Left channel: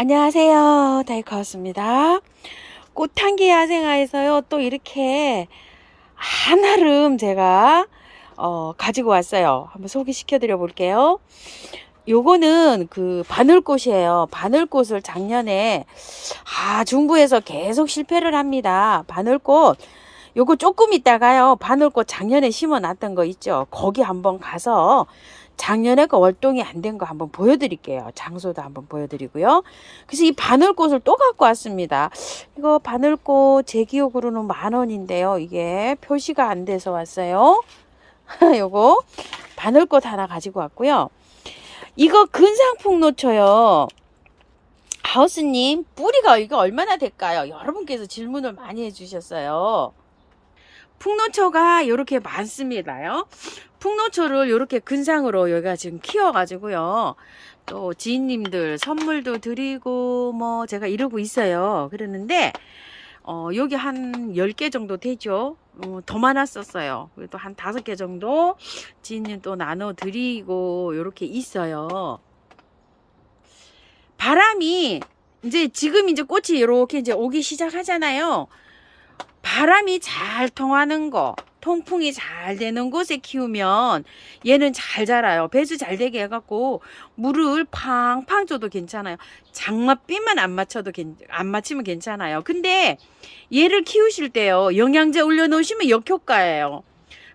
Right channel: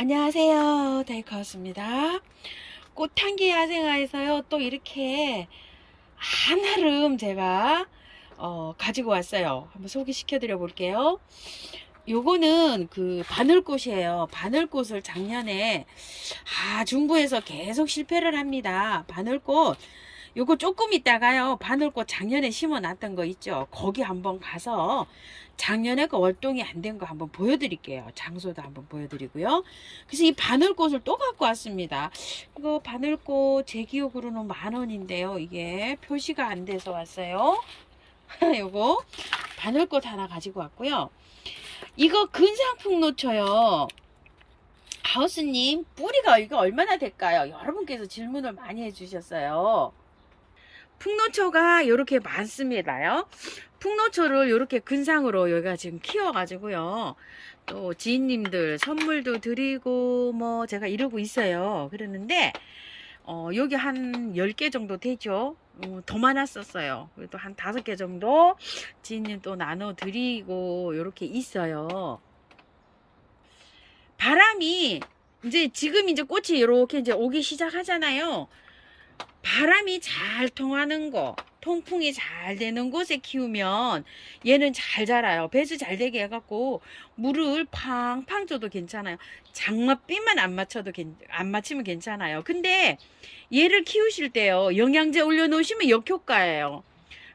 안녕하세요. 다이카였습니다. 꽃향기 야생화에서요, 또 이렇게 한아름 제가 가지고 왔어요. 한번 소개시켜 드려 볼게요. 요거는 그 바늘꽃이에요. 바늘꽃을 작년에 중부에서 계속 실패를 합니다. 바늘꽃 요거 조금 있다가요, 바늘꽃 작년에 심어 놨던 거 있죠, 거기 한번 가서 작년에 그 월동이 안 된 거 한번 보여드릴게요. 장소도 한번 보여드리고요. 그래서 이 바늘꽃을 또 갖고 왔습니다. 이거 바늘꽃 제 기억으로는 10,000원인데요. 이게 표시가 안 돼서 왔어요. 요거 바늘꽃 하나 가지고 왔고요. 이거 근상풍노초요. 하우스님, 뿌리가 이거 얼마나 될까요? 여러분께서 질문을 많이 해주셨어요. 풍노초가 이렇게 많습니다요. 풍노초를 이렇게 근상으로 여기가 지금 키워가지고요, 또 지인님들 선물도 드리고 뭐 제가 이러고 있어요. 그러는데 여기 한 10개 정도 되죠. 더 많았었어요. 그래도 한 5개 정도 지인님 또 나눠 드리고 이렇게 있어요. 바람이 지금 이제 꽃이 이렇게 이제 오기 시작하잖아요. 바람이 잘 통하는 거, 통풍이 잘 되는 곳에 키우면 얘는 잘 자라요. 배수 잘 되게 해갖고 물을 팡팡 줘도 괜찮아요. 장맛비만 안 맞추면 괜찮아요. 근데 얘를 키우실 때요, 영양제 올려놓으시면 역효과예요.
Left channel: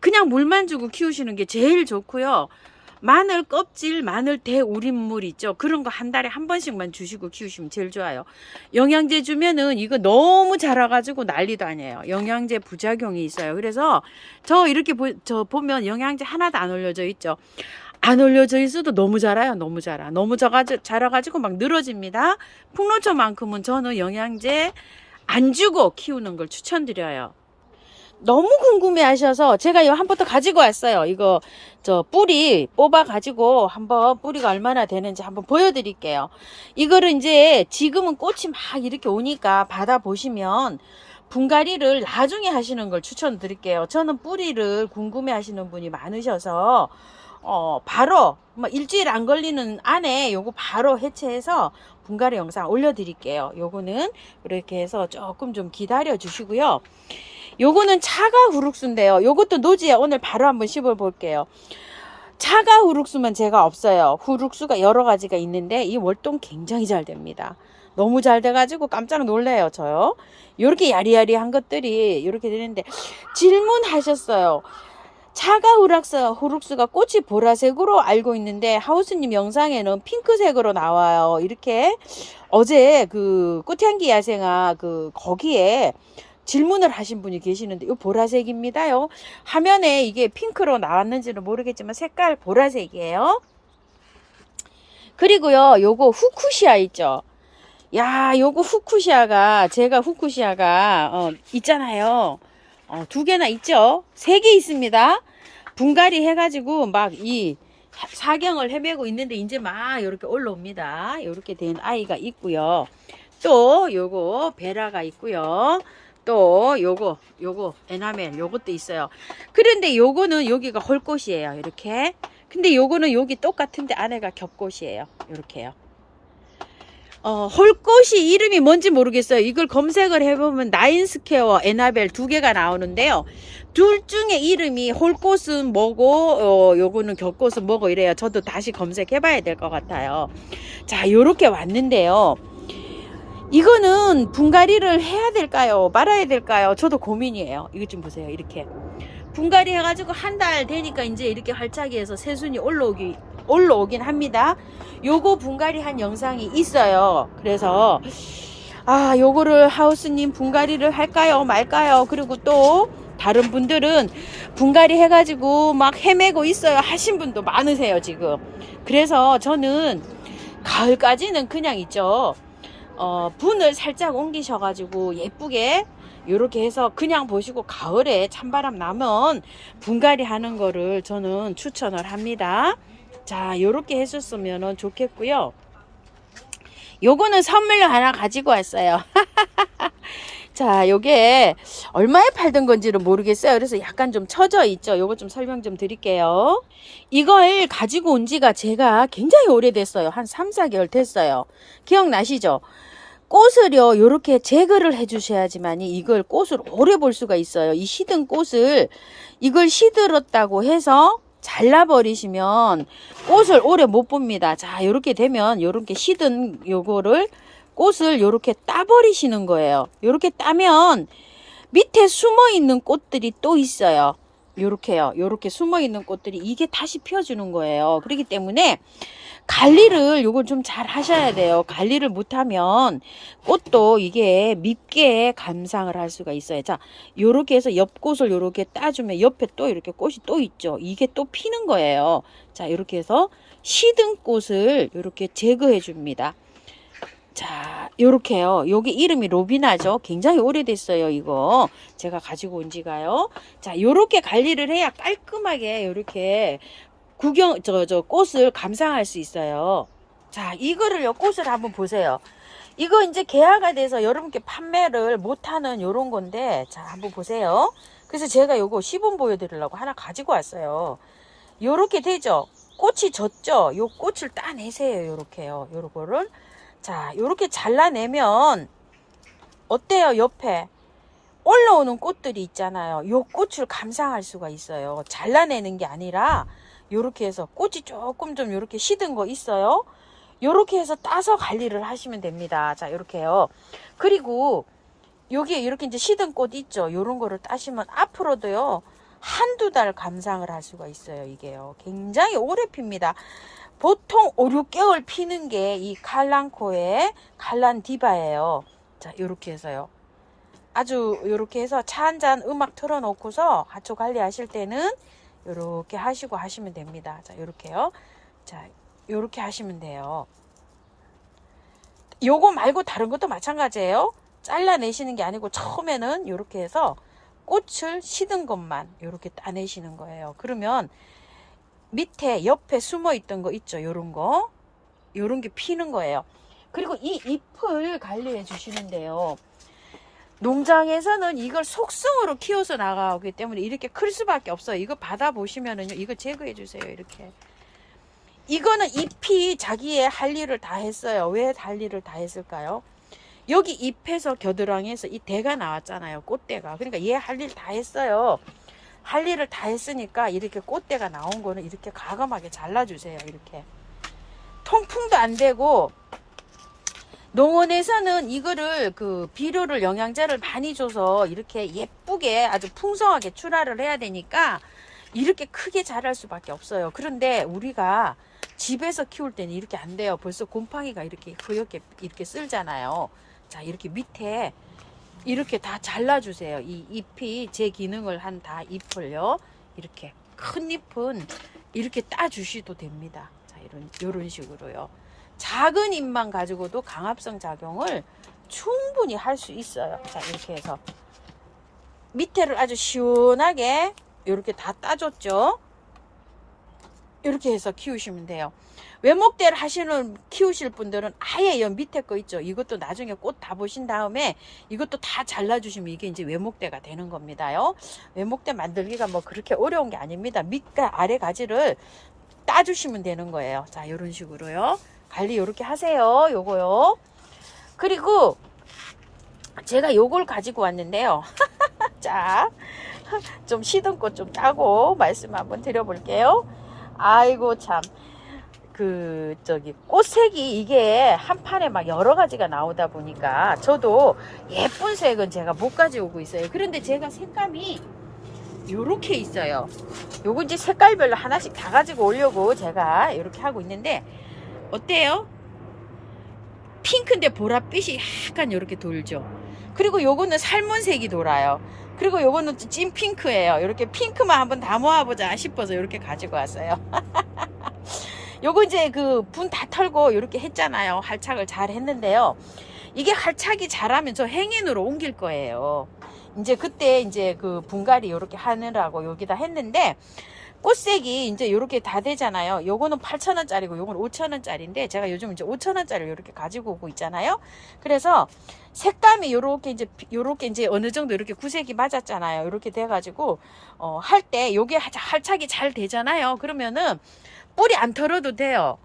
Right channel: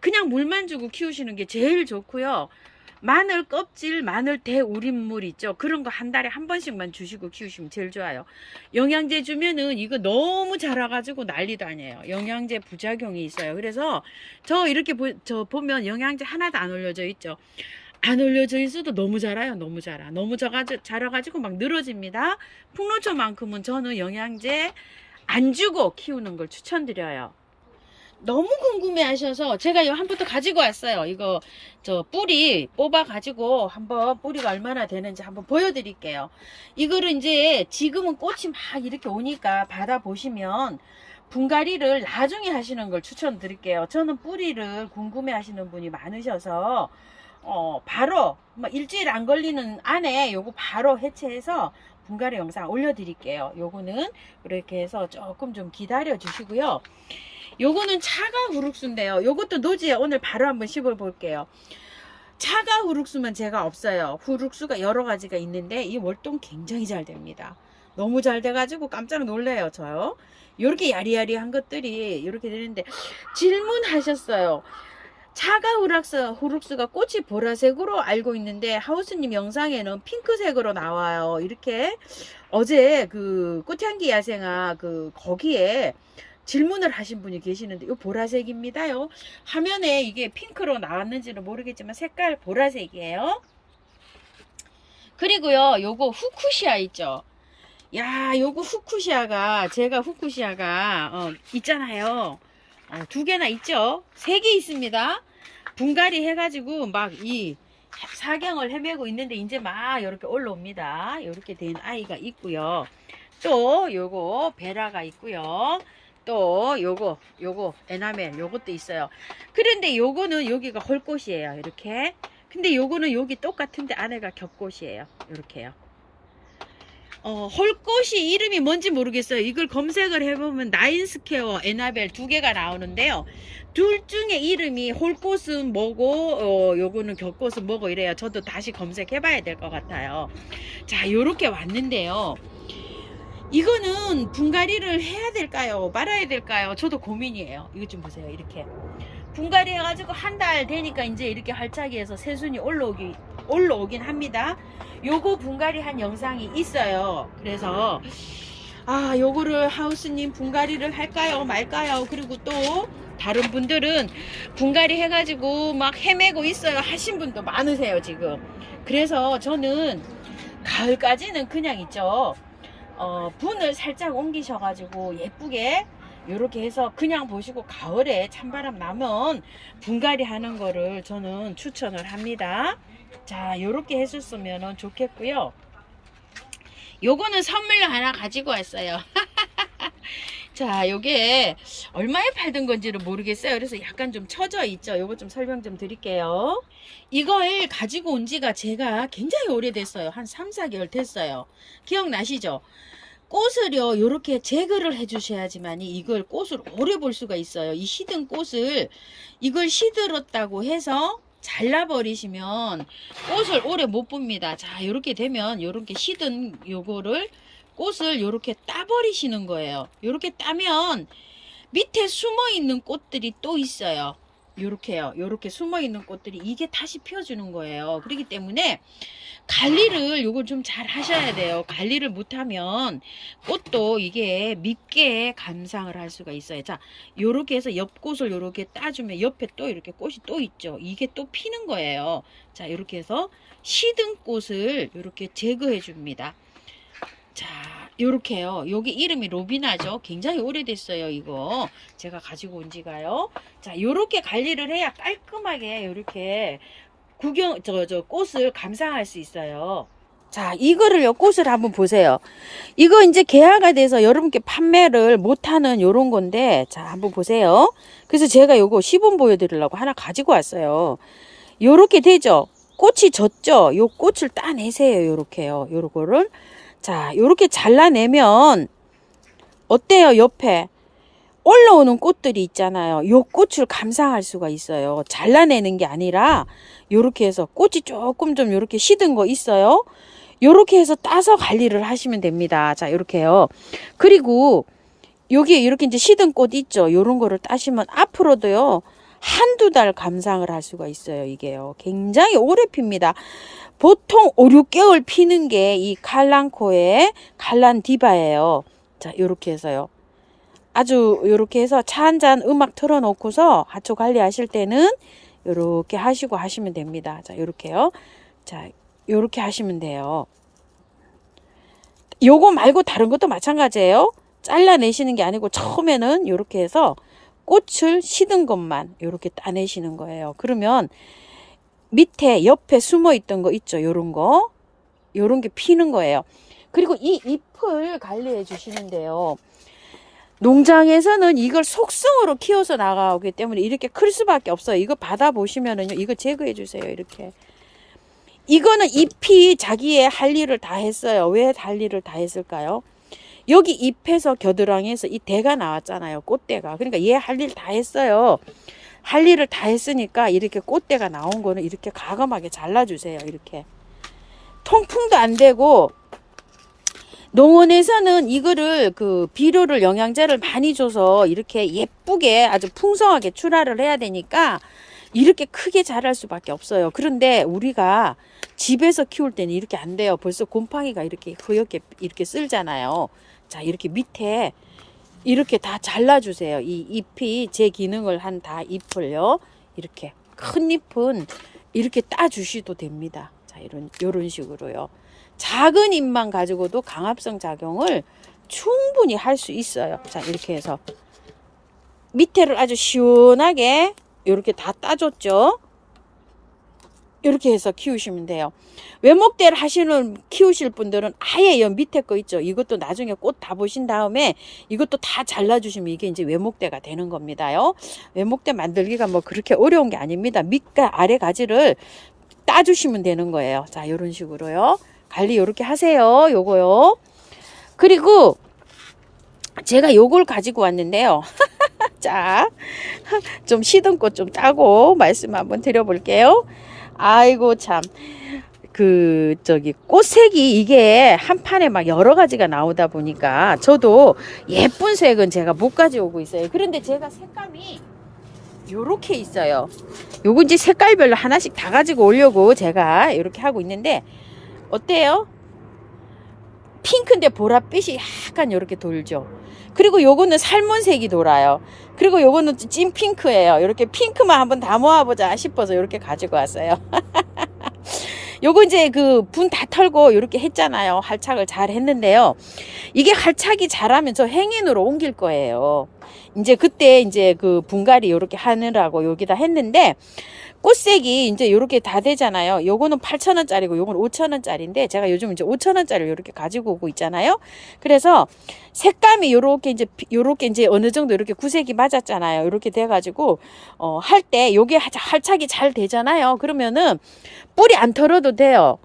그냥 물만 주고 키우시는 게 제일 좋고요. 마늘 껍질, 마늘 대우린물 있죠, 그런 거 한 달에 한 번씩만 주시고 키우시면 제일 좋아요. 영양제 주면은 이거 너무 자라가지고 난리도 아니에요. 영양제 부작용이 있어요. 그래서 저 이렇게 보면 영양제 하나도 안 올려져 있죠. 안 올려져 있어도 너무 자라요. 너무 자라가지고 막 늘어집니다. 풍노초만큼은 저는 영양제 안 주고 키우는 걸 추천드려요. 너무 궁금해 하셔서 제가 이거 한 포트 가지고 왔어요. 이거 저 뿌리 뽑아 가지고 한번 뿌리가 얼마나 되는지 한번 보여드릴게요. 이거를 이제 지금은 꽃이 막 이렇게 오니까 받아 보시면 분갈이를 나중에 하시는 걸 추천드릴게요. 저는 뿌리를 궁금해 하시는 분이 많으셔서 바로 일주일 안 걸리는 안에 요거 바로 해체해서 분갈이 영상 올려드릴게요. 요거는 이렇게 해서 조금 좀 기다려 주시고요. 요거는 차가 후룩수인데요. 요것도 노지에 오늘 바로 한번 씹어 볼게요. 차가 후룩수면 제가 없어요. 후룩수가 여러 가지가 있는데 이 월동 굉장히 잘 됩니다. 너무 잘 돼가지고 깜짝 놀래요, 저요. 요렇게 야리야리한 것들이 이렇게 되는데, 질문하셨어요. 차가 후룩수가 꽃이 보라색으로 알고 있는데 하우스님 영상에는 핑크색으로 나와요. 이렇게 어제 그 꽃향기 야생화 거기에 질문을 하신 분이 계시는데, 이 보라색입니다요. 화면에 이게 핑크로 나왔는지는 모르겠지만 색깔 보라색이에요. 그리고요, 요거 후쿠시아 있죠. 야, 요거 후쿠시아가 제가 후쿠시아가 있잖아요. 2개나 있죠. 3개 있습니다. 분갈이 해가지고 막 이 사경을 헤매고 있는데 이제 막 이렇게 올라옵니다. 이렇게 된 아이가 있고요. 또 요거 베라가 있고요. 또 요거 에나멜 요것도 있어요. 그런데 요거는 여기가 홀꽃이에요. 이렇게. 근데 요거는 여기 똑같은데 안에가 겹꽃이에요. 이렇게요. 홀꽃이 이름이 뭔지 모르겠어요. 이걸 검색을 해보면 나인스퀘어, 에나벨 2개가 나오는데요. 둘 중에 이름이 홀꽃은 뭐고 요거는 겹꽃은 뭐고 이래요. 저도 다시 검색해 봐야 될 것 같아요. 자, 요렇게 왔는데요. 이거는 분갈이를 해야 될까요, 말아야 될까요? 저도 고민이에요. 이거 좀 보세요. 이렇게 분갈이 해가지고 한 달 되니까 이제 이렇게 활차기 해서 새순이 올라오긴 합니다. 요거 분갈이 한 영상이 있어요. 그래서 요거를 하우스님 분갈이를 할까요 말까요? 그리고 또 다른 분들은 분갈이 해가지고 막 헤매고 있어요 하신 분도 많으세요 지금. 그래서 저는 가을까지는 그냥 있죠, 분을 살짝 옮기셔가지고 예쁘게 이렇게 해서 그냥 보시고 가을에 찬바람 나면 분갈이 하는 거를 저는 추천을 합니다. 자, 이렇게 해줬으면 좋겠고요. 요거는 선물로 하나 가지고 왔어요. 자, 요게 얼마에 팔던 건지를 모르겠어요. 그래서 약간 좀 처져 있죠. 요거 좀 설명 좀 드릴게요. 이걸 가지고 온 지가 제가 굉장히 오래됐어요. 한 3, 4개월 됐어요. 기억나시죠? 꽃을요, 요렇게 제거를 해 주셔야지만이 이걸 꽃을 오래 볼 수가 있어요. 이 시든 꽃을, 이걸 시들었다고 해서 잘라버리시면 꽃을 오래 못 봅니다. 자, 요렇게 되면 요렇게 시든 요거를 꽃을 요렇게 따버리시는 거예요. 요렇게 따면 밑에 숨어 있는 꽃들이 또 있어요. 요렇게요. 요렇게 숨어 있는 꽃들이 이게 다시 펴주는 거예요. 그렇기 때문에 관리를 요걸 좀 잘 하셔야 돼요. 관리를 못하면 꽃도 이게 밉게 감상을 할 수가 있어요. 자, 요렇게 해서 옆꽃을 요렇게 따주면 옆에 또 이렇게 꽃이 또 있죠. 이게 또 피는 거예요. 자, 요렇게 해서 시든 꽃을 요렇게 제거해 줍니다. 자, 요렇게요. 여기 이름이 로비나죠. 굉장히 오래됐어요, 이거. 제가 가지고 온 지가요. 자, 요렇게 관리를 해야 깔끔하게 요렇게 꽃을 감상할 수 있어요. 자, 이거를요, 꽃을 한번 보세요. 이거 이제 개화가 돼서 여러분께 판매를 못하는 요런 건데, 자, 한번 보세요. 그래서 제가 요거 시범 보여드리려고 하나 가지고 왔어요. 요렇게 되죠? 꽃이 졌죠? 요 꽃을 따내세요, 요렇게요. 요거를. 자, 요렇게 잘라내면, 어때요, 옆에? 올라오는 꽃들이 있잖아요. 요 꽃을 감상할 수가 있어요. 잘라내는 게 아니라, 요렇게 해서 꽃이 조금 좀 요렇게 시든 거 있어요. 요렇게 해서 따서 관리를 하시면 됩니다. 자, 요렇게요. 그리고 여기 이렇게 이제 시든 꽃 있죠. 요런 거를 따시면 앞으로도요. 한두 달 감상을 할 수가 있어요. 이게요. 굉장히 오래 핍니다. 보통 5, 6개월 피는 게 이 칼랑코의 칼란디바예요. 자, 요렇게 해서요. 아주 요렇게 해서 차 한 잔 음악 틀어놓고서 하초 관리하실 때는 요렇게 하시고 하시면 됩니다. 자, 요렇게요. 자, 요렇게 하시면 돼요. 요거 말고 다른 것도 마찬가지예요. 잘라내시는 게 아니고 처음에는 요렇게 해서 꽃을 시든 것만 요렇게 따내시는 거예요. 그러면 밑에 옆에 숨어 있던 거 있죠. 요런 거. 요런 게 피는 거예요. 그리고 이 잎을 관리해 주시는데요. 농장에서는 이걸 속성으로 키워서 나가기 때문에 이렇게 클 수밖에 없어요. 이거 받아보시면은요. 이거 제거해 주세요. 이렇게. 이거는 잎이 자기의 할 일을 다 했어요. 왜 할 일을 다 했을까요? 여기 잎에서 겨드랑이에서 이 대가 나왔잖아요. 꽃대가. 그러니까 얘 할 일 다 했어요. 할 일을 다 했으니까 이렇게 꽃대가 나온 거는 이렇게 가감하게 잘라주세요. 이렇게. 통풍도 안 되고, 농원에서는 이거를 비료를 영양제를 많이 줘서 이렇게 예쁘게 아주 풍성하게 출하를 해야 되니까 이렇게 크게 자랄 수밖에 없어요. 그런데 우리가 집에서 키울 때는 이렇게 안 돼요. 벌써 곰팡이가 이렇게 허옇게 이렇게 쓸잖아요. 자, 이렇게 밑에 이렇게 다 잘라주세요. 이 잎이 제 기능을 한 다 잎을요. 이렇게 큰 잎은 이렇게 따주셔도 됩니다. 자, 요런 식으로요. 작은 잎만 가지고도 강합성 작용을 충분히 할 수 있어요. 자, 이렇게 해서 밑에를 아주 시원하게 이렇게 다 따줬죠. 이렇게 해서 키우시면 돼요. 외목대를 키우실 분들은 아예 연 밑에 거 있죠. 이것도 나중에 꽃 다 보신 다음에 이것도 다 잘라주시면 이게 이제 외목대가 되는 겁니다요. 외목대 만들기가 뭐 그렇게 어려운 게 아닙니다. 밑과 아래 가지를 따주시면 되는 거예요. 자, 이런 식으로요. 관리 이렇게 하세요. 요거요. 그리고 제가 요걸 가지고 왔는데요. 자, 좀 시든 꽃 좀 따고 말씀 한번 드려볼게요. 아이고 참, 꽃색이 이게 한 판에 막 여러 가지가 나오다 보니까 저도 예쁜 색은 제가 못 가져오고 있어요. 그런데 제가 색감이 요렇게 있어요. 요거 이제 색깔별로 하나씩 다 가지고 오려고 제가 이렇게 하고 있는데 어때요? 핑크인데 보랏빛이 약간 요렇게 돌죠. 그리고 요거는 살몬색이 돌아요. 그리고 요거는 찐 핑크예요. 이렇게 핑크만 한번 다 모아보자 싶어서 이렇게 가지고 왔어요. 요거 이제 분 다 털고 이렇게 했잖아요. 할착을 잘 했는데요. 이게 할착이 잘하면 저 행인으로 옮길 거예요. 이제 그때 이제 분갈이 이렇게 하느라고 여기다 했는데 꽃색이 이제 요렇게 다 되잖아요. 요거는 8,000원짜리고 요거는 5,000원짜리인데 제가 요즘 이제 5,000원짜리를 요렇게 가지고 오고 있잖아요. 그래서 색감이 요렇게 이제 어느 정도 이렇게 구색이 맞았잖아요. 요렇게 돼가지고 할 때 요게 활착이 잘 되잖아요. 그러면은 뿌리 안 털어도 돼요.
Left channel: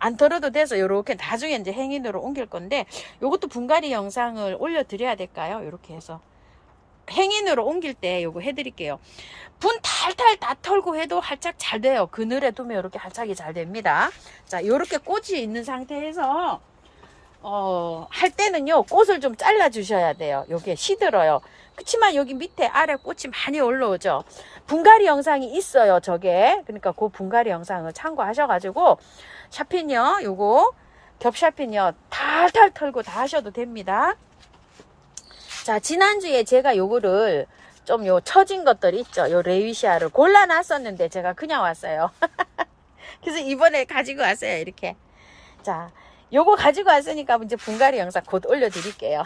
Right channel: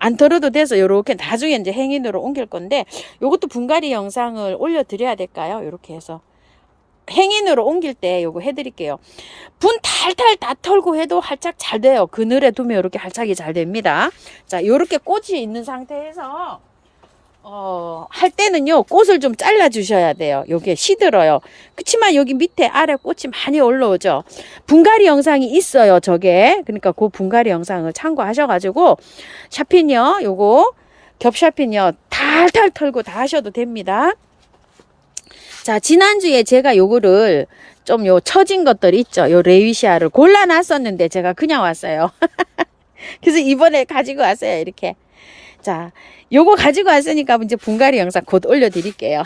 안 털어도 돼서 요렇게 나중에 이제 행인으로 옮길 건데, 요것도 분갈이 영상을 올려드려야 될까요? 요렇게 해서 행인으로 옮길 때 요거 해드릴게요. 분 탈탈 다 털고 해도 활착 잘 돼요. 그늘에 두면 이렇게 활착이 잘 됩니다. 자, 요렇게 꽃이 있는 상태에서 할 때는요, 꽃을 좀 잘라 주셔야 돼요. 요게 시들어요. 그치만 여기 밑에 아래 꽃이 많이 올라오죠. 분갈이 영상이 있어요, 저게. 그러니까 그 분갈이 영상을 참고하셔가지고 샤핀요, 요거 겹샤핀요 탈탈 털고 다 하셔도 됩니다. 자, 지난주에 제가 요거를 좀 요 처진 것들 있죠. 요 레위시아를 골라놨었는데 제가 그냥 왔어요. 그래서 이번에 가지고 왔어요, 이렇게. 자, 요거 가지고 왔으니까 이제 분갈이 영상 곧 올려드릴게요.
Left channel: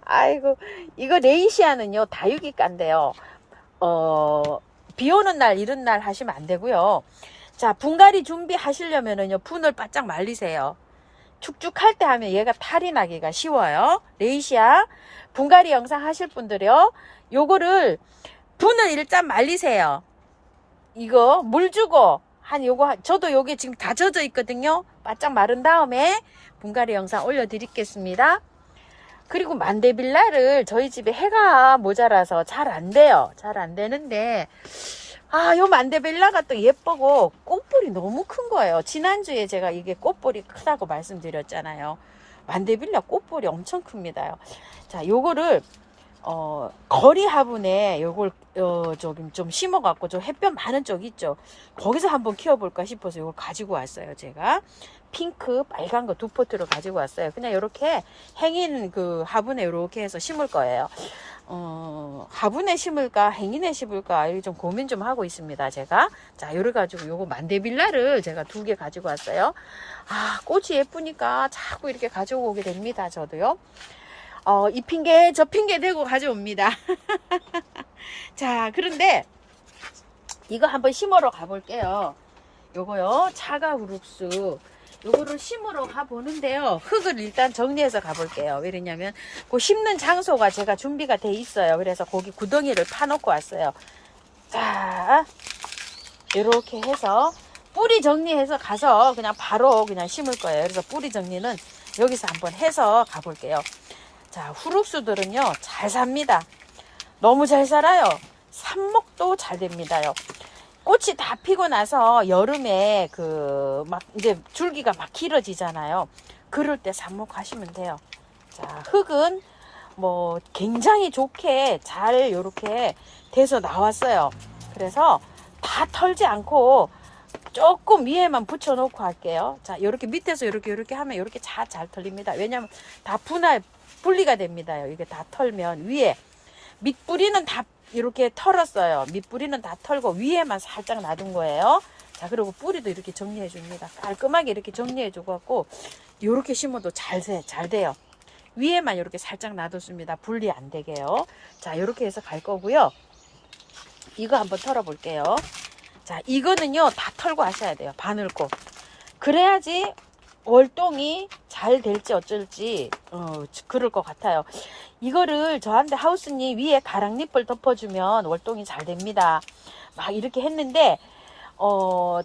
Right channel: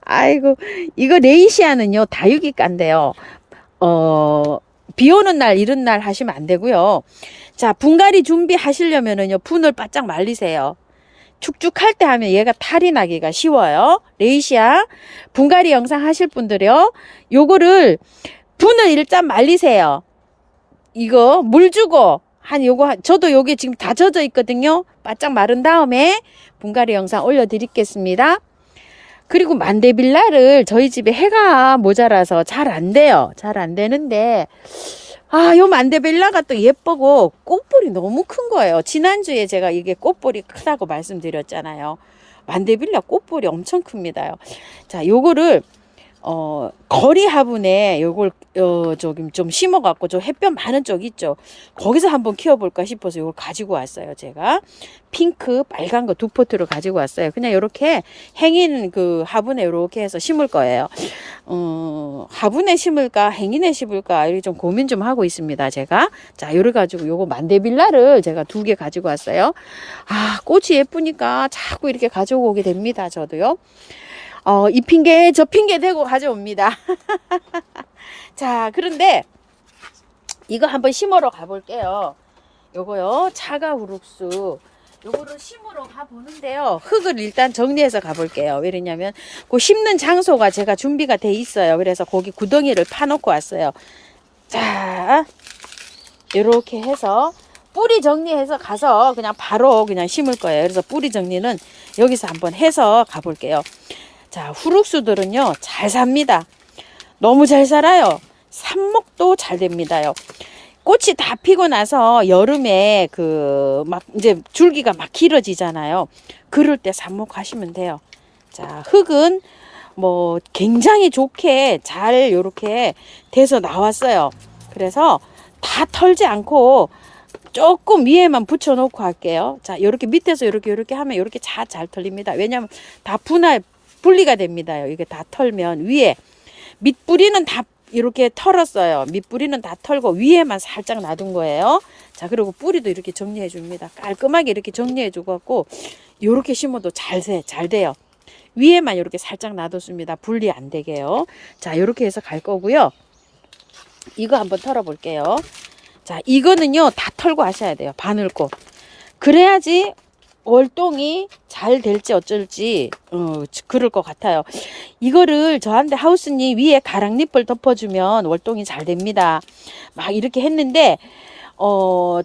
아이고, 이거 레이시아는요, 다육이가인데요. 비 오는 날, 이런 날 하시면 안 되고요. 자, 분갈이 준비하시려면은요, 분을 바짝 말리세요. 축축할 때 하면 얘가 탈이 나기가 쉬워요. 레이시아 분갈이 영상 하실 분들이요, 요거를 분을 일단 말리세요. 이거 물 주고 저도 요게 지금 다 젖어 있거든요. 바짝 마른 다음에 분갈이 영상 올려드리겠습니다. 그리고 만데빌라를 저희 집에 해가 모자라서 잘 안 돼요. 잘 안 되는데, 요 만데빌라가 또 예쁘고 꽃볼이 너무 큰 거예요. 지난주에 제가 이게 꽃볼이 크다고 말씀드렸잖아요. 만데빌라 꽃볼이 엄청 큽니다요. 자, 요거를 거리 화분에 요걸 저기 좀 심어갖고 저 햇볕 많은 쪽 있죠. 거기서 한번 키워볼까 싶어서 요걸 가지고 왔어요. 제가 핑크, 빨간 거 두 포트로 가지고 왔어요. 그냥 요렇게 행인 그 화분에 요렇게 해서 심을 거예요. 화분에 심을까 행인에 심을까 이렇게 좀 고민 좀 하고 있습니다. 제가 자, 요래 가지고 요거 만데빌라를 제가 2개 가지고 왔어요. 꽃이 예쁘니까 자꾸 이렇게 가지고 오게 됩니다. 저도요. 이 핑계 저 핑계 대고 가져옵니다. 자, 그런데 이거 한번 심으러 가볼게요. 요거요, 차가 우룩수 요거를 심으러 가보는데요, 흙을 일단 정리해서 가볼게요. 왜냐면 그 심는 장소가 제가 준비가 돼 있어요. 그래서 거기 구덩이를 파놓고 왔어요. 자, 이렇게 해서 뿌리 정리해서 가서 그냥 바로 그냥 심을 거예요. 그래서 뿌리 정리는 여기서 한번 해서 가볼게요. 자, 후룩수들은요, 잘 삽니다. 너무 잘 살아요. 삽목도 잘 됩니다요. 꽃이 다 피고 나서 여름에 막 이제 줄기가 막 길어지잖아요. 그럴 때 삽목하시면 돼요. 자, 흙은 뭐 굉장히 좋게 잘 요렇게 돼서 나왔어요. 그래서 다 털지 않고 조금 위에만 붙여 놓고 할게요. 자, 요렇게 밑에서 요렇게 하면 요렇게 잘 털립니다. 왜냐면 다 분리가 됩니다요. 이게 다 털면 위에 밑뿌리는 다 이렇게 털었어요. 밑뿌리는 다 털고 위에만 살짝 놔둔 거예요. 자, 그리고 뿌리도 이렇게 정리해 줍니다. 깔끔하게 이렇게 정리해 주고 요렇게 심어도 잘 돼요. 위에만 이렇게 살짝 놔뒀습니다. 분리 안 되게요. 자, 요렇게 해서 갈 거고요. 이거 한번 털어 볼게요. 자, 이거는요, 다 털고 하셔야 돼요. 바늘꽃. 그래야지 월동이 잘 될지 어쩔지 그럴 것 같아요. 이거를 저한테 하우스님 위에 가랑잎을 덮어주면 월동이 잘 됩니다. 막 이렇게 했는데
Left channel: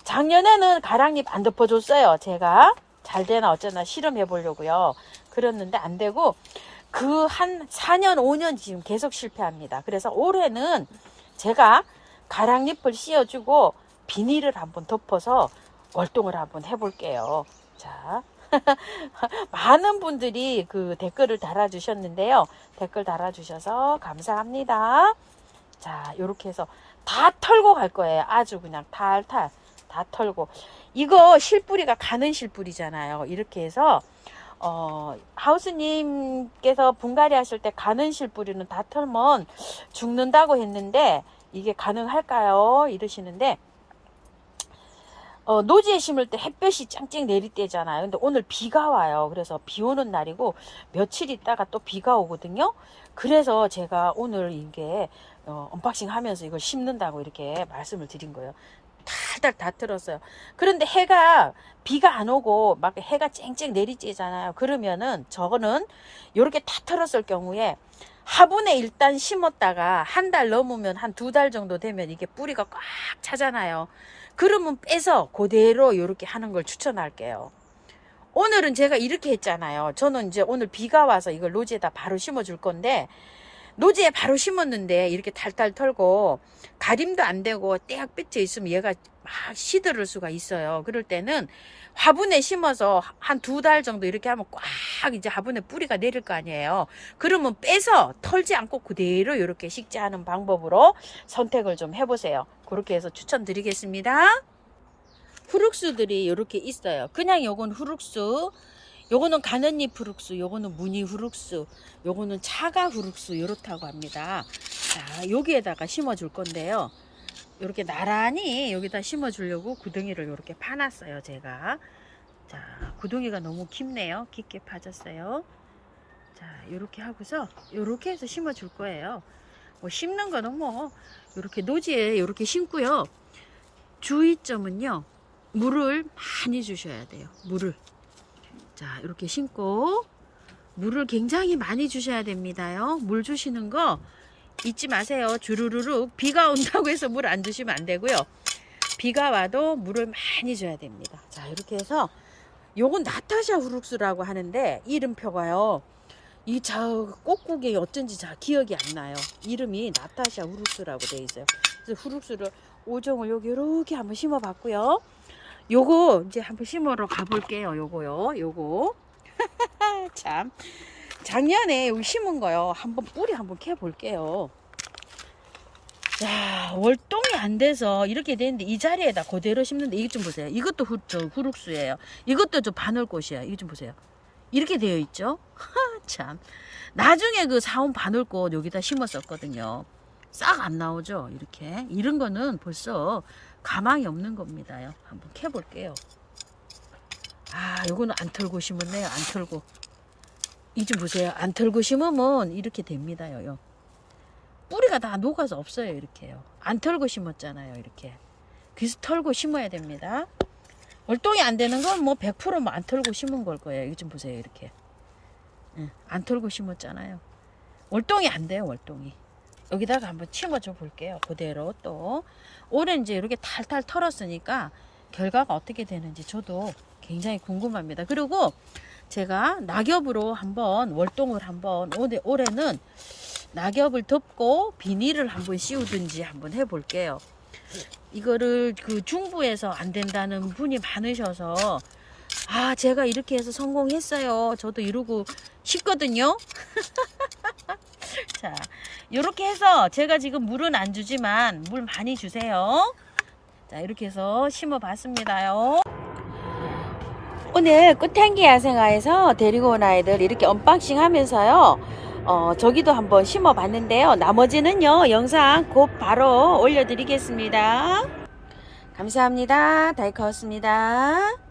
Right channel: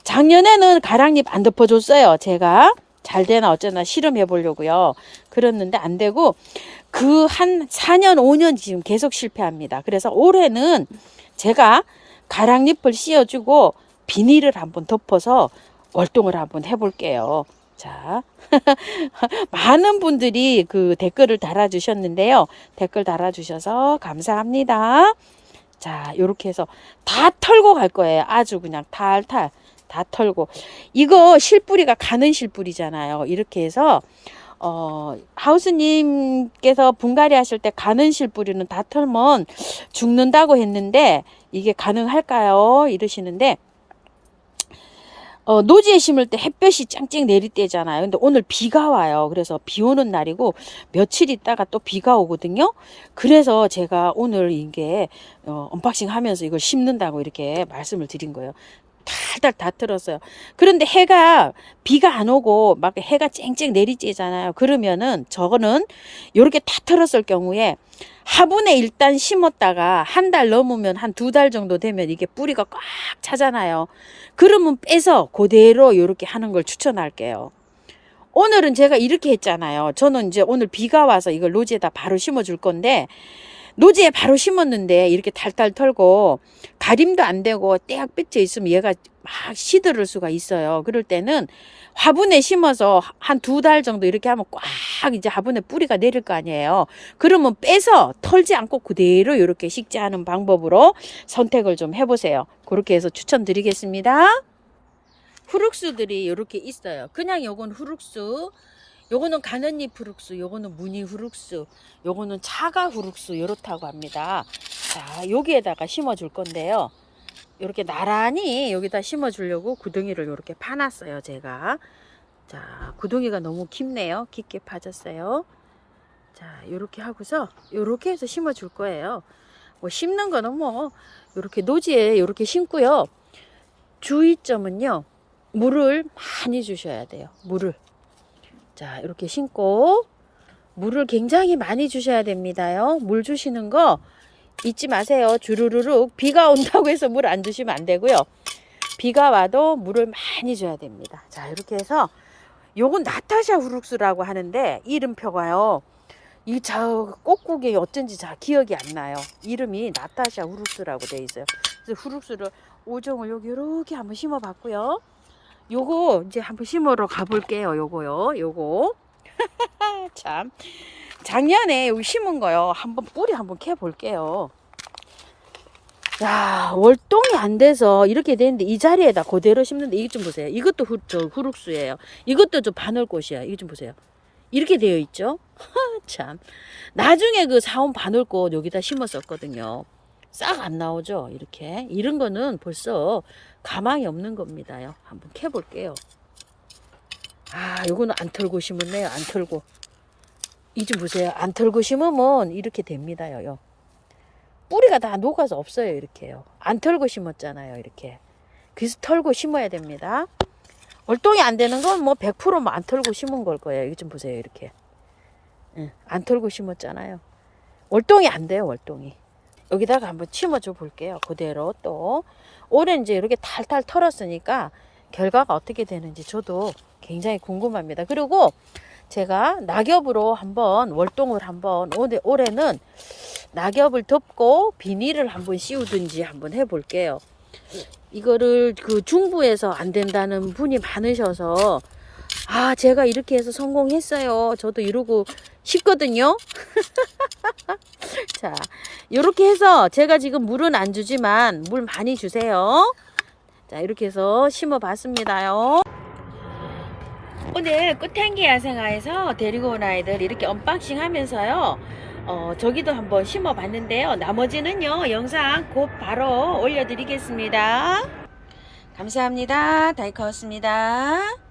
작년에는 가랑잎 안 덮어줬어요. 제가 잘 되나 어쩌나 실험해 보려고요. 그랬는데 안 되고 그 한 4년 5년 지금 계속 실패합니다. 그래서 올해는 제가 가랑잎을 씌워주고 비닐을 한번 덮어서 월동을 한번 해볼게요. 자, 많은 분들이 그 댓글을 달아주셨는데요. 댓글 달아주셔서 감사합니다. 자, 요렇게 해서 다 털고 갈 거예요. 아주 그냥 탈탈 다 털고. 이거 실뿌리가 가는 실뿌리잖아요. 이렇게 해서 하우스님께서 분갈이 하실 때 가는 실뿌리는 다 털면 죽는다고 했는데 이게 가능할까요? 이러시는데 노지에 심을 때 햇볕이 짱짱 내릴 때잖아요. 근데 오늘 비가 와요. 그래서 비 오는 날이고 며칠 있다가 또 비가 오거든요. 그래서 제가 오늘 이게 언박싱 하면서 이걸 심는다고 이렇게 말씀을 드린 거예요. 달달 다 틀었어요. 그런데 비가 안 오고 막 해가 쨍쨍 내리쬐잖아요. 그러면은 저거는 이렇게 다 틀었을 경우에 화분에 일단 심었다가 한 달 넘으면 한 2달 정도 되면 이게 뿌리가 꽉 차잖아요. 그러면 빼서 그대로 이렇게 하는 걸 추천할게요. 오늘은 제가 이렇게 했잖아요. 저는 이제 오늘 비가 와서 이걸 노지에다 바로 심어 줄 건데, 노지에 바로 심었는데 이렇게 탈탈 털고 가림도 안 되고 떼약 뺏겨 있으면 얘가 막 시들을 수가 있어요. 그럴 때는 화분에 심어서 한 2달 정도 이렇게 하면 꽉 이제 화분에 뿌리가 내릴 거 아니에요. 그러면 빼서 털지 않고 그대로 이렇게 식재하는 방법으로 선택을 좀 해보세요. 그렇게 해서 추천드리겠습니다. 후룩수들이 이렇게 있어요. 그냥 요건 후룩수, 요거는 가는잎 후룩수, 요거는 무늬 후룩수, 요거는 차가 후룩수, 이렇다고 합니다. 자, 여기에다가 심어 줄 건데요. 이렇게 나란히 여기다 심어 주려고 구덩이를 이렇게 파놨어요, 제가. 자, 구덩이가 너무 깊네요. 깊게 파졌어요. 자, 요렇게 하고서 요렇게 해서 심어 줄 거예요. 뭐 심는 거는 뭐 요렇게 노지에 요렇게 심고요. 주의점은요, 물을 많이 주셔야 돼요. 물을. 자, 이렇게 심고 물을 굉장히 많이 주셔야 됩니다요. 물 주시는 거 잊지 마세요. 주르르륵 비가 온다고 해서 물 안 주시면 안 되고요. 비가 와도 물을 많이 줘야 됩니다. 자, 이렇게 해서 요건 나타샤 후룩스라고 하는데 이름표가요. 이 저 꼭국이 어쩐지 잘 기억이 안 나요. 이름이 나타샤 후룩스라고 되어 있어요. 그래서 후룩스를 5종을 여기 이렇게 한번 심어 봤고요. 요거 이제 한번 심으러 가볼게요. 요거 참 작년에 여기 심은 거요. 한번 뿌리 한번 캐 볼게요. 자, 월동이 안 돼서 이렇게 되는데 이 자리에다 그대로 심는데 이것 좀 보세요. 이것도 후룩수예요. 이것도 좀 바늘꽃이야. 이것 좀 보세요. 이렇게 되어 있죠. 참 나중에 그 사온 바늘꽃 여기다 심었었거든요. 싹 안 나오죠. 이렇게 이런 거는 벌써 가망이 없는 겁니다요. 한번 캐 볼게요. 아, 요거는 안 털고 심었네요. 안 털고. 이 좀 보세요. 안 털고 심으면 이렇게 됩니다요. 뿌리가 다 녹아서 없어요. 이렇게요. 안 털고 심었잖아요. 이렇게. 그래서 털고 심어야 됩니다. 월동이 안 되는 건 뭐 100% 뭐 안 털고 심은 걸 거예요. 이거 좀 보세요. 이렇게. 안 털고 심었잖아요. 월동이 안 돼요. 월동이. 여기다가 한번 심어줘 볼게요. 그대로 또. 올해 이제 이렇게 탈탈 털었으니까 결과가 어떻게 되는지 저도 굉장히 궁금합니다. 그리고 제가 낙엽으로 한번 월동을 한번 올해는 낙엽을 덮고 비닐을 한번 씌우든지 한번 해볼게요. 이거를 그 중부에서 안 된다는 분이 많으셔서 아, 제가 이렇게 해서 성공했어요. 저도 이러고 싶거든요. 자, 이렇게 해서 제가 지금 물은 안 주지만 물 많이 주세요. 자, 이렇게 해서 심어 봤습니다요. 오늘 꽃향기 야생화에서 데리고 온 아이들 이렇게 언박싱 하면서요. 저기도 한번 심어 봤는데요. 나머지는요, 영상 곧 바로 올려드리겠습니다. 감사합니다. 다이카였습니다.